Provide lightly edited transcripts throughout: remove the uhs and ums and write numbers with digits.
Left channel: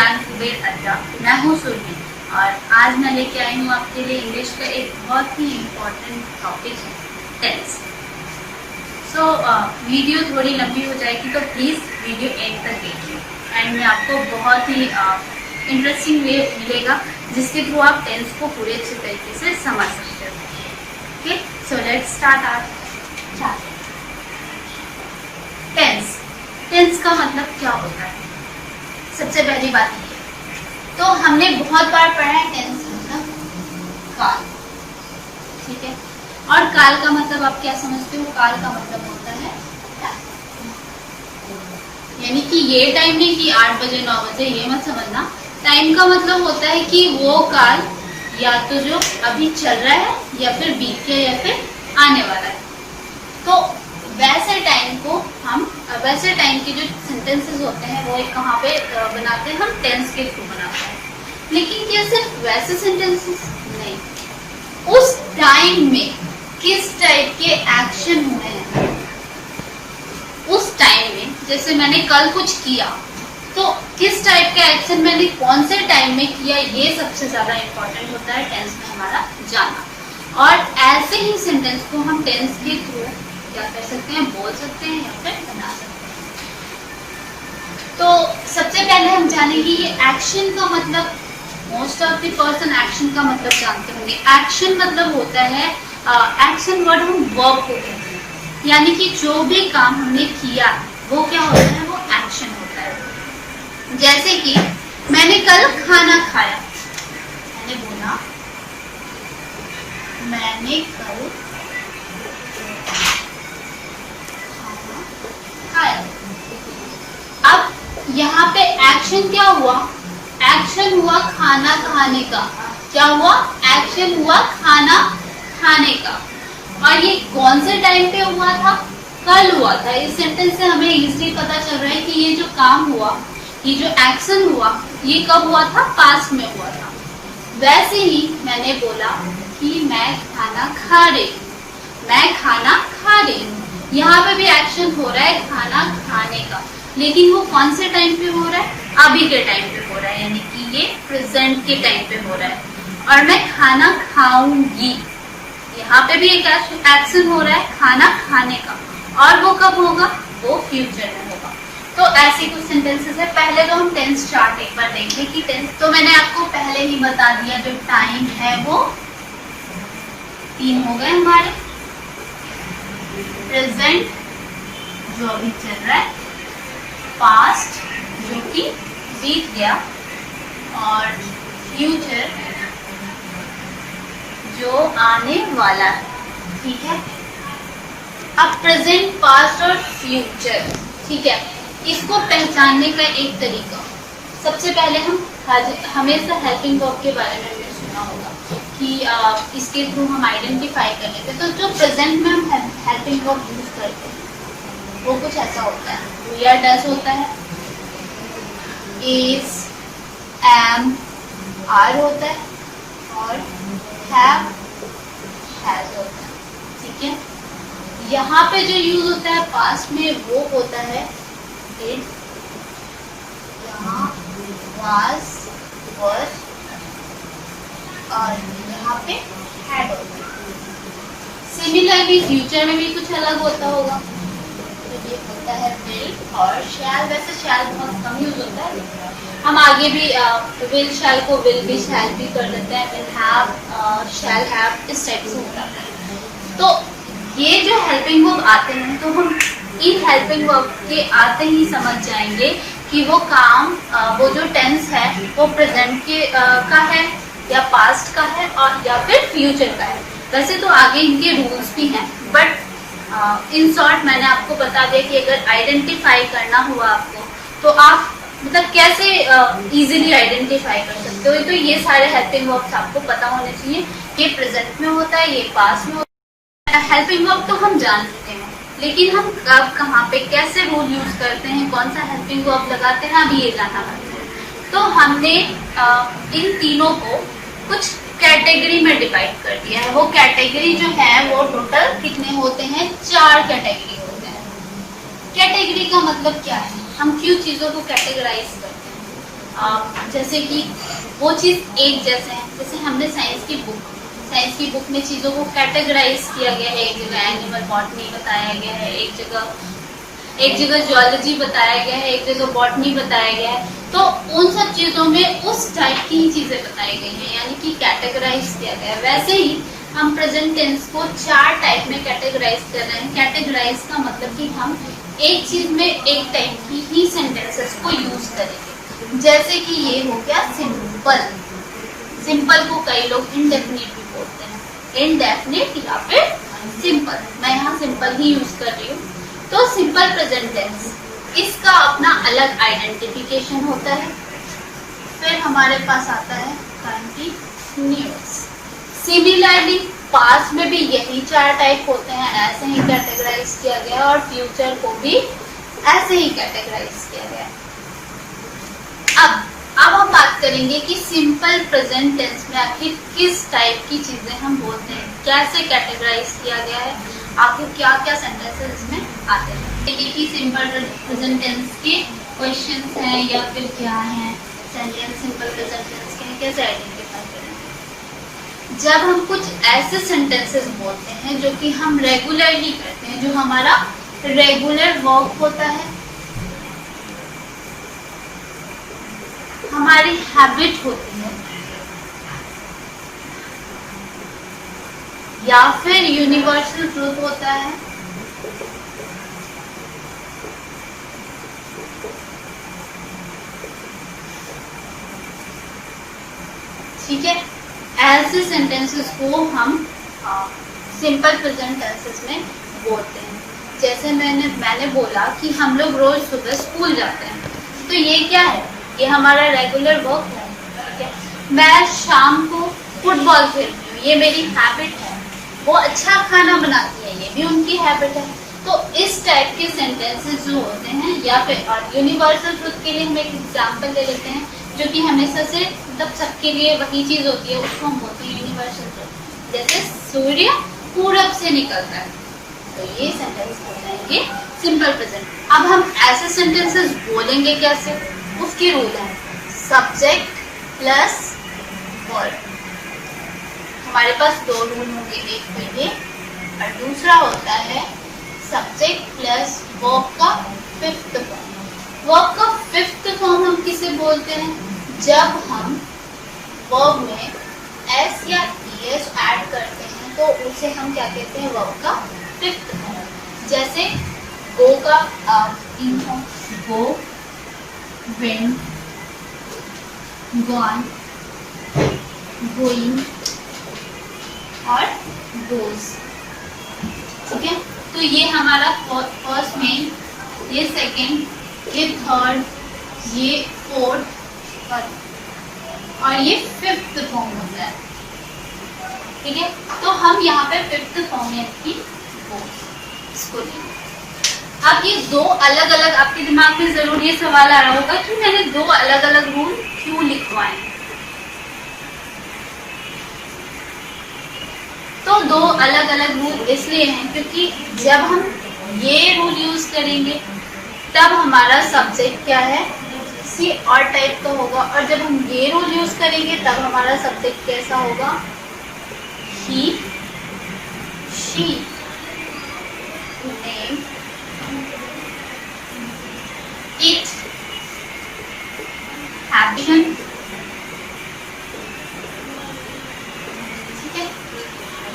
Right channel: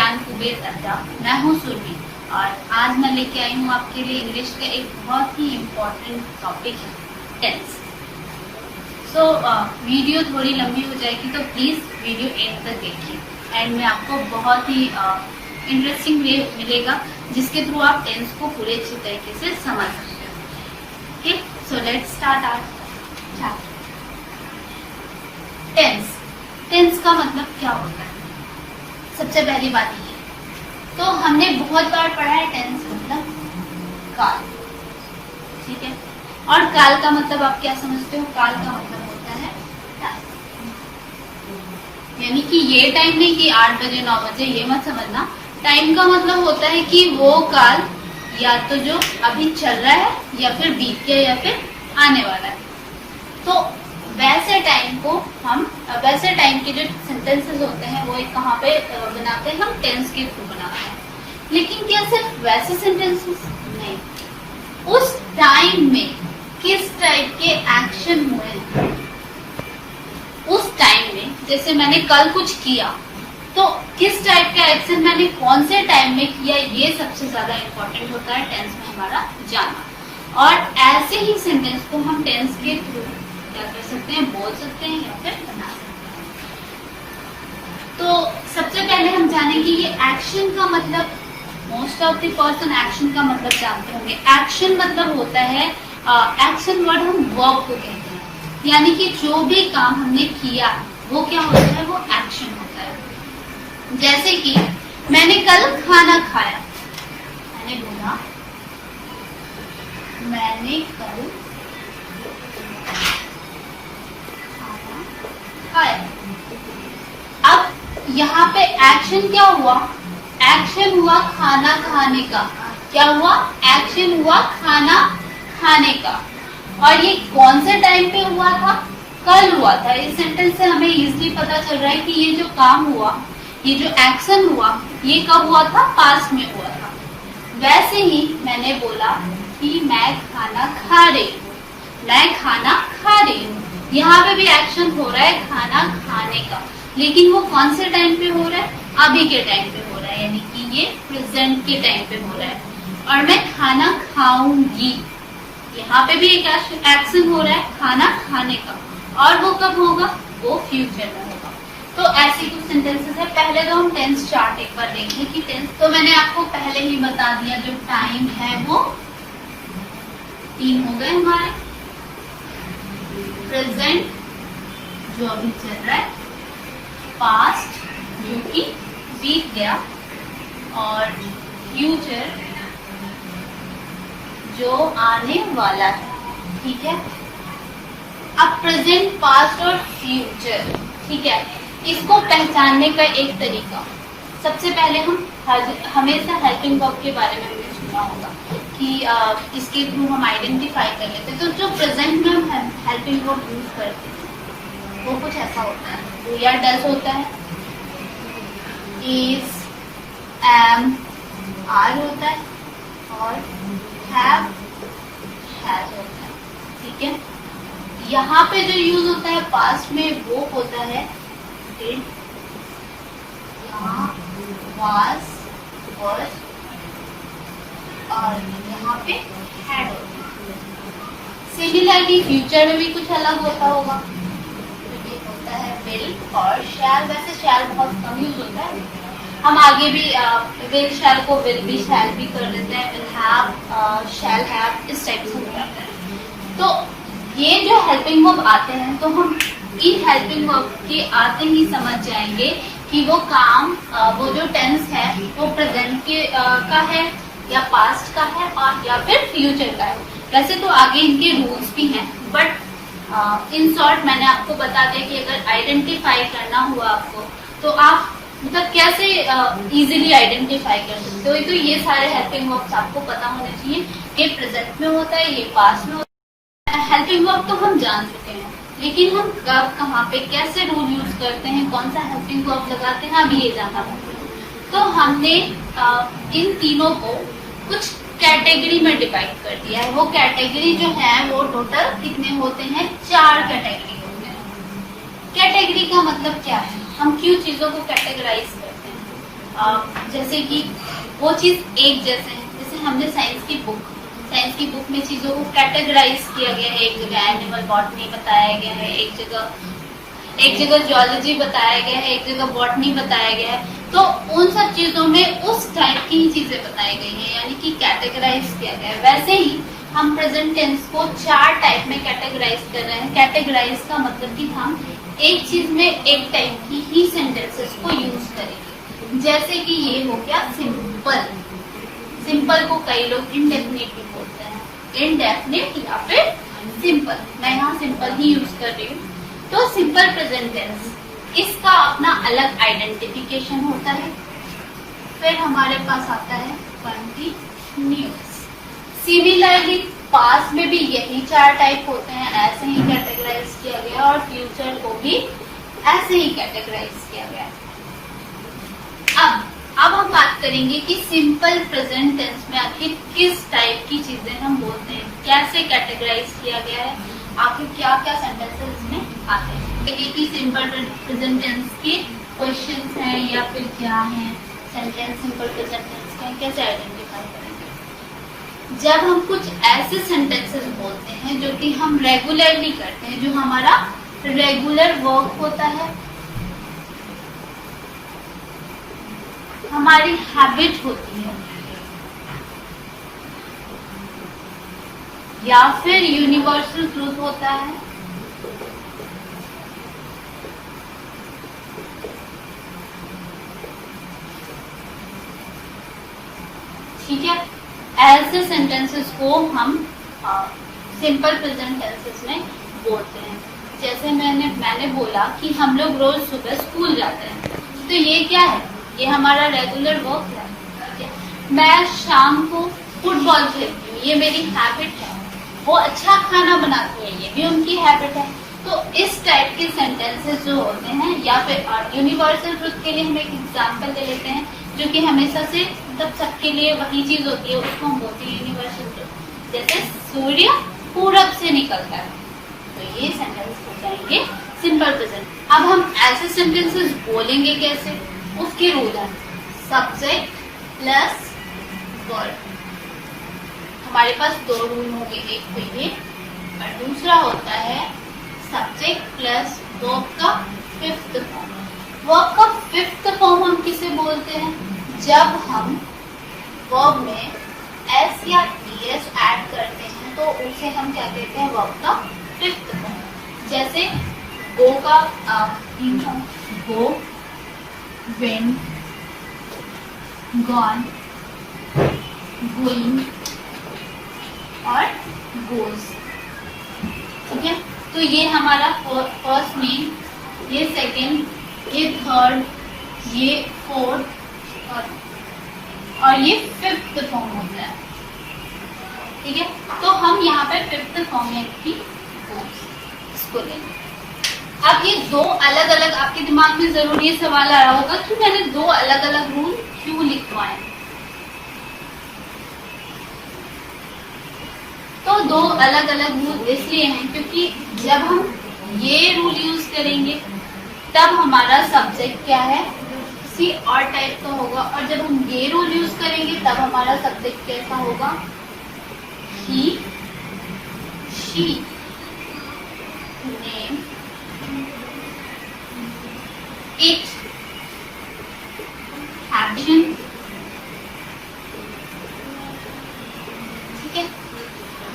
ज्ञान कुबेर अड्डा। मैं हूँ सुरभि और आज मैं लेके आई हूँ आपके लिए इंग्लिश का एक बहुत ही इम्पोर्टेंट टॉपिक है टेंस। वीडियो थोड़ी लंबी हो जाएगी तो प्लीज़ वीडियो एंड तक देखिए। एंड में आपको बहुत ही इंटरेस्टिंग वे मिलेगा जिसके थ्रू आप टेंस को पूरे अच्छे तरीके से समझ सकते हो। Okay, so let's start our chapter. Tense, tense का मतलब क्या होता है? सबसे पहली बात ये तो हमने बहुत बार पढ़ा है टेंस मतलब काल, ठीक है। और काल का मतलब आप क्या समझते हो? काल का मतलब होता है टाइम, यानी कि ये टाइम नहीं कि 8 बजे 9 बजे, ये मत समझना। टाइम का मतलब होता है कि वो काल या तो जो अभी चल रहा है या फिर बीत गया या फिर आने वाला है। तो वैसे टाइम को हम वैसे टाइम के जो सेंटेंसेस होते हैं वो कहाँ पे बनाते हैं? हम टेंस के थ्रू बनाते हैं। लेकिन क्या सिर्फ वैसे सेंटेंसेस? नहीं, उस टाइम में किस टाइप के एक्शन हुए हैं उस टाइम में। जैसे मैंने कल कुछ किया तो किस टाइप का एक्शन मैंने कौन से टाइम में किया, ये सबसे ज्यादा इम्पोर्टेंट होता है टेंस में हमारा जानना। और ऐसे ही सेंटेंस को हम टेंस के थ्रू क्या कर सकते हैं? बोल सकते हैं या फिर बना सकते हैं। तो सबसे पहले हम जानेंगे ये एक्शन का मतलब। Most of the person action का मतलब जानते होंगे। एक्शन मतलब होता है, एक्शन वर्ड हम वर्ब को कहते हैं, यानी कि जो भी काम हमने किया वो क्या होता है? वो एक्शन होता है। जैसे कि मैंने कल खाना खाया, मैंने बोला मैंने कल खाया। अब यहाँ पे एक्शन क्या हुआ? एक्शन हुआ खाना खाने का। क्या हुआ? एक्शन हुआ खाना खाने का। और ये कौन से टाइम पे हुआ था? कल हुआ था। इस सेंटेंस से हमें इजीली पता चल रहा है कि ये जो काम हुआ, ये जो एक्शन हुआ, ये कब हुआ था? पास्ट में हुआ था। वैसे ही मैंने बोला कि मैं खाना खा रही हूँ, मैं खाना खा रही हूँ। यहाँ पे भी एक्शन हो रहा है खाना खाने का, लेकिन वो कौन से टाइम पे हो रहा है? अभी के टाइम पे हो रहा है, यानी कि ये प्रेजेंट के टाइम पे हो रहा है। और मैं खाना खाऊंगी, यहाँ पे भी एक एक्शन हो रहा है खाना खाने का, और वो कब होगा? वो फ्यूचर में होगा। तो ऐसे कुछ सेंटेंसेस है। पहले तो हम टेंस चार्ट एक बार देखें कि टेंस, तो मैंने आपको पहले ही बता दिया जो टाइम है वो 3 हो गए हमारे। प्रेजेंट जो अभी चल रहा है, पास्ट जो कि बीत गया, और फ्यूचर जो आने वाला है, ठीक है। अब प्रेजेंट, पास्ट और फ्यूचर, ठीक है, इसको पहचानने का एक तरीका, सबसे पहले हम हमेशा हेल्पिंग वर्ब के बारे में हमने सुना होगा कि इसके थ्रू हम आइडेंटिफाई कर लेते हैं। तो जो प्रेजेंट में हम हेल्पिंग वर्ब यूज करते हैं वो कुछ ऐसा होता है, डू या डज होता है, इज, एम, आर होता है, और हैव, हैज होता है, ठीक है। यहाँ पे जो यूज होता है पास्ट में वो होता है डिड, यहाँ वाज, वर्ड, और यहाँ पे हैड होता है। सिमिलरली फ्यूचर में भी कुछ अलग होता होगा, तो ये होता है विल और शैल। वैसे शैल बहुत कम यूज होता है, हम आगे भी विल शैल को विल भी शैल भी कर लेते हैं, विल हैव, शैल हैव, इस टाइप से हो जाता है। तो ये जो हेल्पिंग वर्ब आते हैं तो हम इन हेल्पिंग वर्ब के आते ही समझ जाएंगे कि वो काम, वो जो टेंस है वो प्रेजेंट के का है या पास्ट का है और या फिर फ्यूचर का है। वैसे तो आगे इनके रूल्स भी हैं, बट इन शॉर्ट मैंने आपको बता दिया कि अगर आइडेंटिफाई करना हुआ आपको तो आप मतलब कैसे इजीली आइडेंटिफाई कर सकते हो। तो ये सारे हेल्पिंग वर्ब्स आपको पता होने चाहिए। ये प्रेजेंट में होता है, ये पास्ट में होता है। हेल्पिंग वर्ब तो हम जान चुके हैं, लेकिन हम कब, कहाँ पे, कैसे रूल यूज करते हैं, कौन सा हेल्पिंग वर्ब लगाते हैं, अभी ये जानना चाहते हैं। तो हमने इन तीनों को कुछ कैटेगरी में डिवाइड कर दिया है। वो कैटेगरी जो है वो टोटल कितने होते हैं? 4 कैटेगरी होते हैं। कैटेगरी का मतलब क्या है? हम क्यों चीजों को कैटेगराइज करते हैं? जैसे कि वो चीज एक जैसे है। जैसे हमने साइंस की बुक में चीजों को कैटेगराइज किया गया है। एक जगह एनिमल बॉटनी बताया गया है, एक जगह जियोलॉजी बताया गया है, एक जगह बॉटनी बताया गया है। तो उन सब चीजों में उस टाइप की ही चीजें बताई गई हैं, यानी कि कैटेगराइज किया गया है। वैसे ही हम प्रेजेंट टेंस को 4 टाइप में कैटेगराइज कर रहे हैं। कैटेगराइज का मतलब कि हम एक चीज में एक टाइप की ही सेंटेंसेस को यूज करेंगे। जैसे कि ये हो गया सिंपल। सिंपल को कई लोग इंडेफिनिट भी बोलते हैं, इनडेफिनिट या फिर सिंपल। मैं यहाँ सिंपल ही यूज कर रही हूँ। तो सिंपल प्रेजेंट टेंस, इसका अपना अलग आइडेंटिफिकेशन होता है। फिर हमारे पास आता है कंटिन्यूअस। सिमिलरली पास्ट में भी यही 4 टाइप होते हैं, ऐसे ही कैटेगराइज किया गया, और फ्यूचर को भी ऐसे ही कैटेगराइज किया गया। अब हम बात करेंगे कि सिंपल प्रेजेंट टेंस में आखिर किस टाइप की चीजें हम बोलते हैं, कैसे कैटेगराइज किया गया है, आखिर क्या क्या सेंटेंसेस इसमें आते हैं। कि सिंपल प्रेजेंट टेंस के क्वेश्चंस हैं या फिर क्या है, सेंटेंस सिंपल प्रेजेंट टेंस के कैसे आइडेंटिफाई करेंगे। जब हम कुछ ऐसे सेंटेंसेस बोलते हैं जो कि हम रेगुलरली करते हैं, जो हमारा रेगुलर वर्क होता है, हमारी हैबिट होती है, या फिर यूनिवर्सल ट्रूथ होता है, ठीक है। ऐसे सेंटेंसेस को हम सिंपल प्रेजेंट टेंसेस में बोलते हैं। जैसे मैंने बोला कि हम लोग रोज सुबह स्कूल जाते हैं, तो ये क्या है, ये हमारा रेगुलर वर्क है, ठीक है। मैं शाम को फुटबॉल खेलती हूँ, ये मेरी हैबिट है। वो अच्छा खाना बनाती है, ये भी उनकी हैबिट है। तो इस टाइप के सेंटेंसेस जो होते हैं, या फिर यूनिवर्सल ट्रुथ के लिए हम एक एग्जांपल ले लेते हैं जो कि हमेशा से मतलब सबके लिए वही चीज होती है, उसको हम बोलते हैं यूनिवर्सल ट्रुथ। जैसे सूर्य पूरब से निकलता है, तो ये सेंटेंस हो जाएंगे सिंपल प्रेजेंट। अब हम ऐसे सेंटेंसेस बोलेंगे कैसे, उसके रूल है सब्जेक्ट प्लस वर्ब। हमारे पास 2 रूल होंगे, एक तो ये और दूसरा होता है सब्जेक्ट प्लस वर्ब का 5th फॉर्म। वर्ब का 5th फॉर्म हम किसे बोलते हैं, जब हम वर्ब में s या es ऐड करते हैं तो उसे हम क्या कहते हैं, वर्ब का 5th फॉर्म। जैसे गो का 3 फॉर्म, गो, वेंट, गॉन, गोइंग और गोज, ठीक है। तो ये हमारा फर्स्ट मेन, ये सेकंड, ये थर्ड, ये फोर्थ और ये 5th फॉर्म होता है, ठीक है। तो हम यहाँ पे 5th फॉर्म है इसको लेंगे। अब ये 2 अलग अलग, आपके दिमाग में जरूर ये सवाल आ रहा होगा कि मैंने 2 अलग अलग रूल क्यों लिखवाए। तो 2 अलग अलग रूल इसलिए हैं क्योंकि जब हम ये रूल यूज करेंगे तब हमारा सब्जेक्ट क्या है, सी और टाइप का होगा, और जब हम ये रूल यूज करेंगे तब हमारा सब्जेक्ट कैसा होगा, ही, शी, नेम, इट, हैबिट, ठीक है।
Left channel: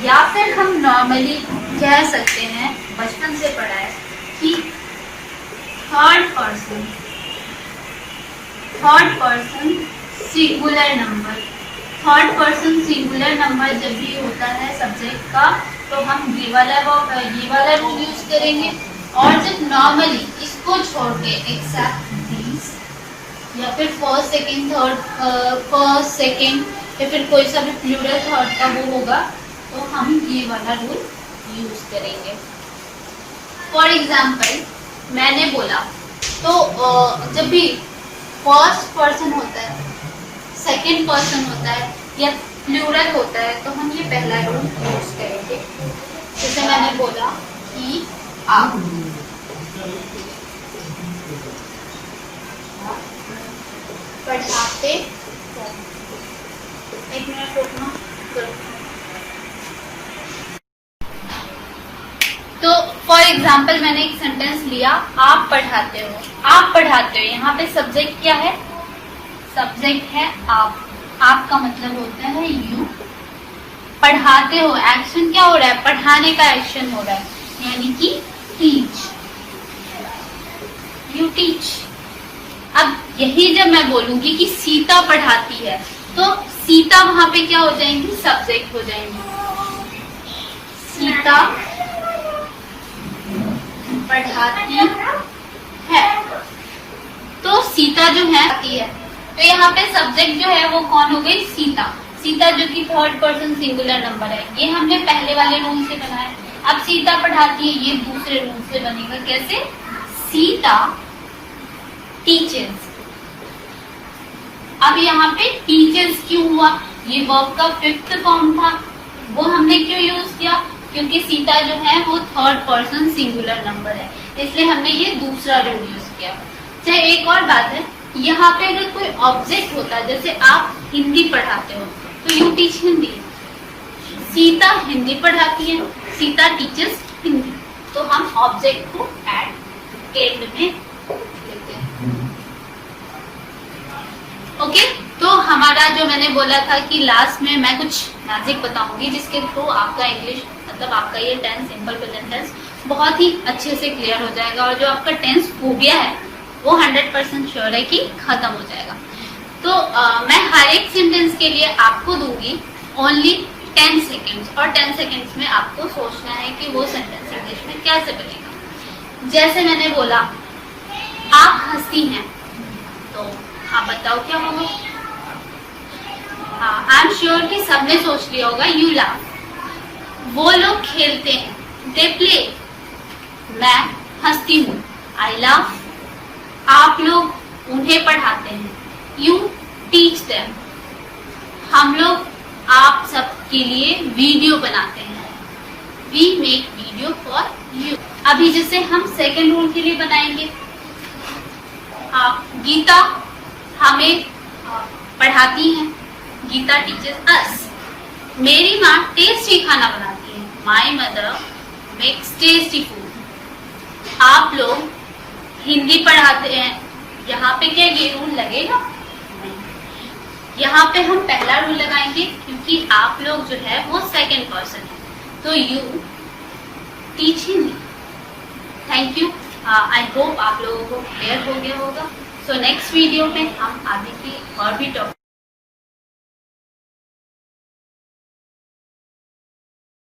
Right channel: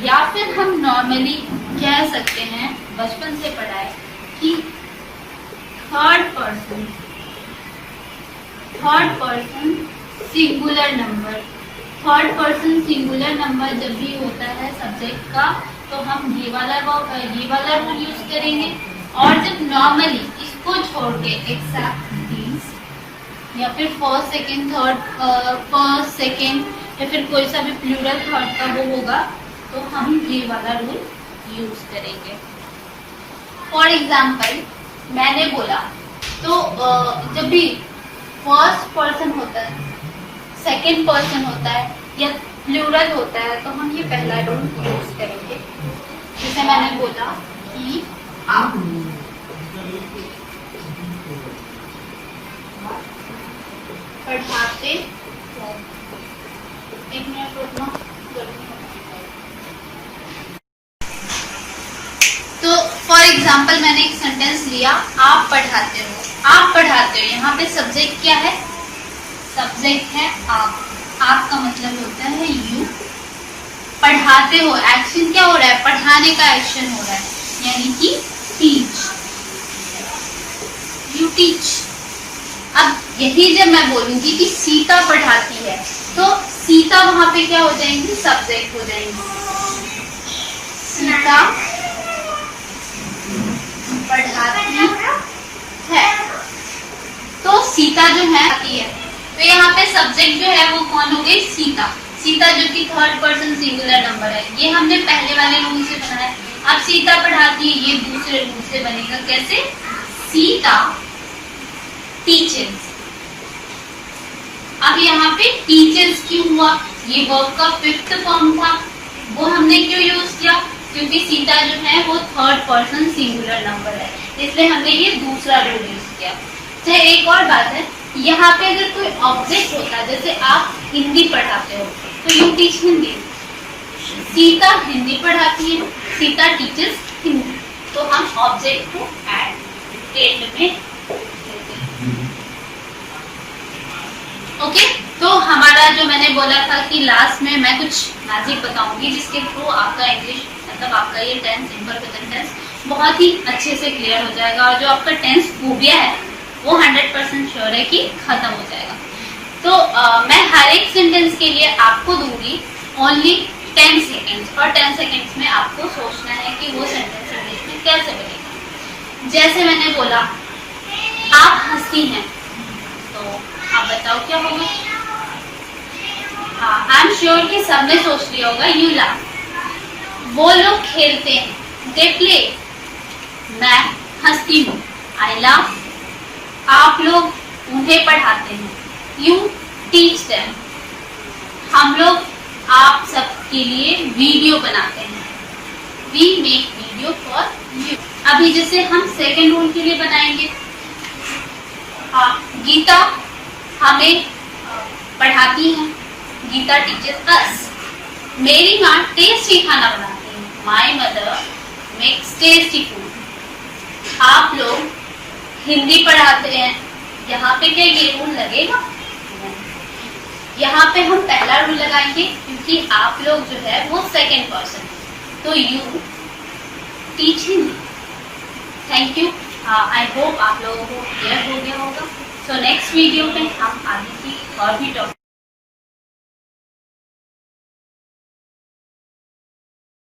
या फिर हम नॉर्मली कह सकते हैं, बचपन से पढ़ा है कि third person singular number. Third person singular number जब भी होता है सब्जेक्ट का, तो हम ये वाला रूल यूज करेंगे। और जब नॉर्मली इसको छोड़ के एक्सेप्ट दीज, या फिर first second third, first second, या फिर कोई सा भी प्लूरल थर्ड का वो होगा, तो हम ये वाला रूल यूज करेंगे। फॉर एग्जाम्पल मैंने बोला, तो जब भी फर्स्ट पर्सन होता है, सेकंड पर्सन होता है या प्लूरल होता है, तो हम ये पहला रूल यूज करेंगे। जैसे मैंने बोला कि आप, पढ़ाते हो। एक मिनट रुकना। तो फॉर एग्जाम्पल मैंने एक सेंटेंस लिया, आप पढ़ाते हो। आप पढ़ाते हो, यहाँ पे सब्जेक्ट क्या है? सब्जेक्ट है आप। आपका मतलब होता है यू। पढ़ाते हो, एक्शन क्या हो रहा है? पढ़ाने का एक्शन हो रहा है, यानी कि टीच। You teach. अब यही जब मैं बोलूंगी कि सीता पढ़ाती है, तो सीता वहां पे क्या हो जाएंगी? सब्जेक्ट हो जाएंगी। सीता पढ़ाती है, तो सीता जो है आती है, तो यहाँ पे सब्जेक्ट जो है वो कौन हो गई? सीता। सीता जो कि थर्ड पर्सन सिंगुलर नंबर है, ये हमने पहले वाले रूल से बनाया। अब सीता पढ़ाती है, ये दूसरे रूल से बनेगा। कैसे? सीता टीचर्स। अब यहाँ पे टीचर्स क्यों हुआ? ये वर्ब का फिफ्थ फॉर्म था, वो हमने क्यों यूज किया? क्योंकि सीता जो है वो थर्ड पर्सन सिंगुलर नंबर है, इसलिए हमने ये दूसरा रूल यूज किया। चाहे एक और बात है, यहाँ पे अगर कोई ऑब्जेक्ट होता है, जैसे आप हिंदी पढ़ाते हो तो यू टीच हिंदी। सीता हिंदी पढ़ाती है, सीता टीचर्स हिंदी, तो हम ऑब्जेक्ट को एंड में लेते हैं। ओके, तो हमारा जो मैंने बोला था कि लास्ट में मैं कुछ मैजिक बताऊंगी जिसके थ्रू आपका इंग्लिश, मतलब आपका ये टेंस, सिंपल प्रेजेंट टेंस बहुत ही अच्छे से क्लियर हो जाएगा, और जो आपका टेंस फोबिया है वो 100% श्योर है कि खत्म हो जाएगा। तो मैं हर एक सेंटेंस के लिए आपको दूंगी ओनली 10 सेकेंड्स, और 10 सेकेंड्स में आपको सोचना है कि वो सेंटेंस इंग्लिश में कैसे बनेगा। जैसे मैंने बोला, आप हंसती हैं, तो आप बताओ क्या होगा? हाँ, आई एम श्योर कि सबने सोच लिया होगा, यू लाफ। वो लोग खेलते हैं, दे प्ले। मैं हंसती हूँ, आई लाफ। आप लोग उन्हें पढ़ाते हैं, यू टीच देम। हम लोग आप सबके लिए वीडियो बनाते हैं, we make video for you. अभी जैसे हम सेकेंड रूल के लिए बनाएंगे, गीता हमें पढ़ाती है, गीता टीचर्स अस। मेरी माँ टेस्टी खाना बनाती है, my mother makes tasty food. आप लोग हिंदी पढ़ाते हैं, यहाँ पे क्या ये रूल लगेगा? यहाँ पे हम पहला रूल लगाएंगे, क्योंकि आप लोग जो है वो सेकेंड पर्सन है, तो you teach Hindi. Thank you. I hope आप लोगों को क्लियर हो गया होगा। सो नेक्स्ट वीडियो में हम आगे की और भी टॉपिक